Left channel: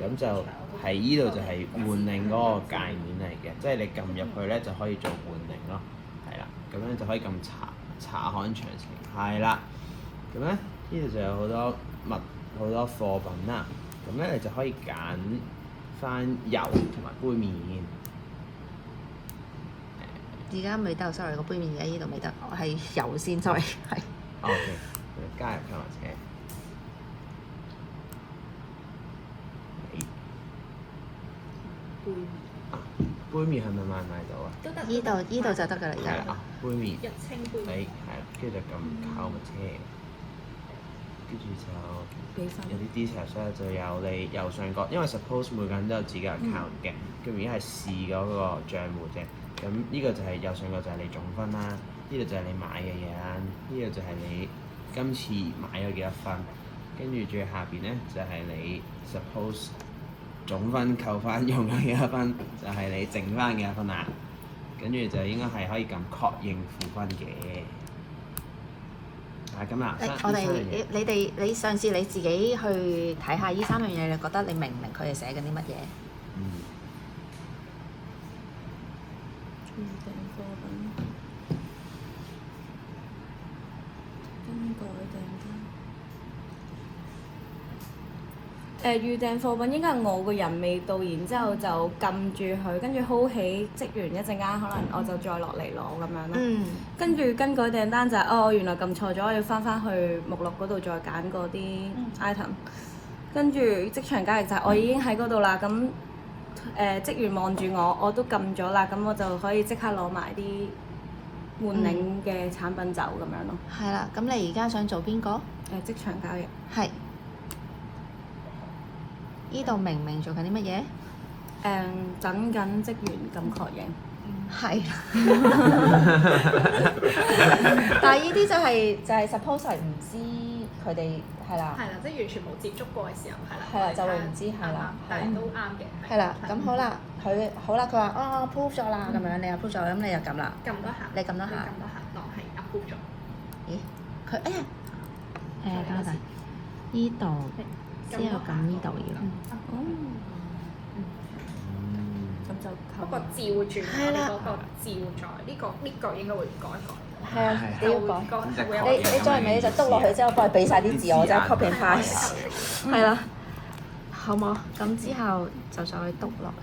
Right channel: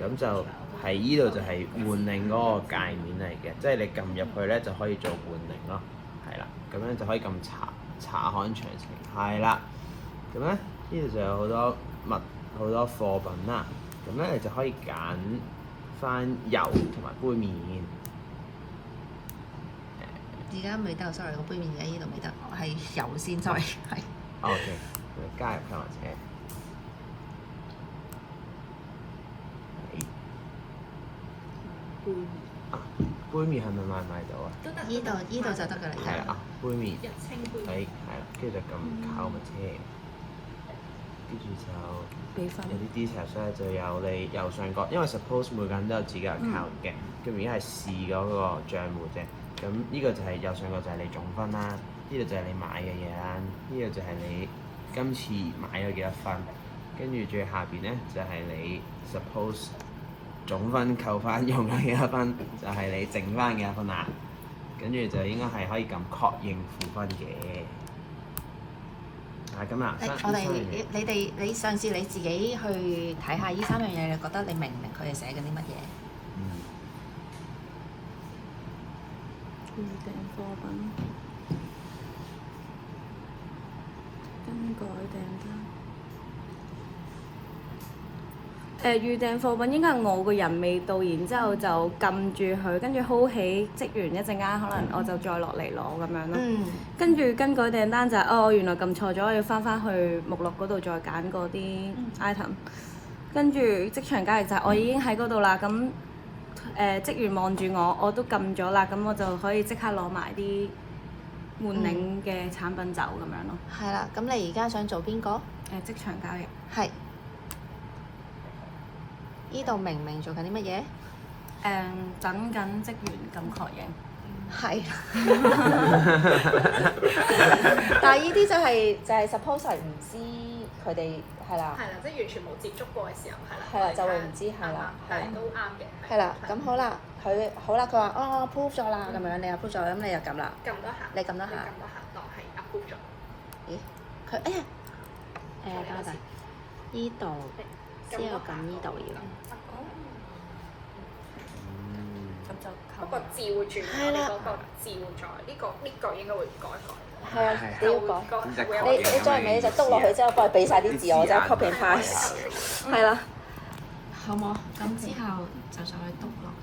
咁就係依度就係換領嗰個界面嚟嘅，即係你撳入去咧就可以做換領咯，係啦，咁樣就可以撳查看詳情，係啦，咁咧呢度就有好多貨品啦，咁咧你就可以揀翻油同埋杯麵。而家未得 sorry 個杯麵喺呢度未得，我係油先 sorry 係。OK，加入購物車。杯麵係咪買唔買到啊？依度就得㗎啦，係啦，杯麵。日清杯麵。係啦，跟住就撳購物車，跟住就俾分有啲 details 咧，就有你右上角，因為 suppose 每個人都有自己 account 嘅，咁而家係試嗰個帳戶啫。咁呢個就係右上角就係你總分啦，呢度就係你買嘅嘢啦，呢度就係你今次買咗幾多分，跟住最下邊咧就係你 suppose 總分扣翻用咗幾多分，就係你剩翻幾多分啦。跟住就應該係可以撳確認付分嘅。咁啦，你上次你自己去睇下呢3樣嘢，你覺得你明唔明佢哋寫緊啲乜嘢？預訂貨品，更改訂單。預訂貨品應該係我個人未到，然之後就撳住佢，跟住 hold 起職員一陣間，可能我就再落嚟攞咁樣咯。跟住更改訂單就係、原來撳錯咗，我要翻去目錄嗰度再揀嗰啲 item。跟住職場交易就係我已經喺嗰度啦，咁職員望住我都撳咗啦，咁我就可以即刻攞埋啲換領嘅產品走咁樣咯。係啦，咁你而家想做邊個？職場交易。係。呢度明唔明做緊啲乜嘢？等緊職員咁確認。係。但係呢啲就係 suppose 係唔知佢哋係啦。係啦，即係完全冇接觸過嘅時候，係啦，就會唔知係啦。係都啱嘅。係啦，咁好啦，佢話approve 咗啦，咁樣你 approve 咗，咁你又撳啦。撳一下。你撳一下。係 approve 咗。咦？佢等下先，呢度之後撳呢度嘅。咁就扣個照住呢個照住呢個應該會改。係啊，你要揾個即係確認咁樣嘅意思啊！之後再俾晒啲字我，就 copy 翻。係啊。好冇？咁之後就再篤落嚟。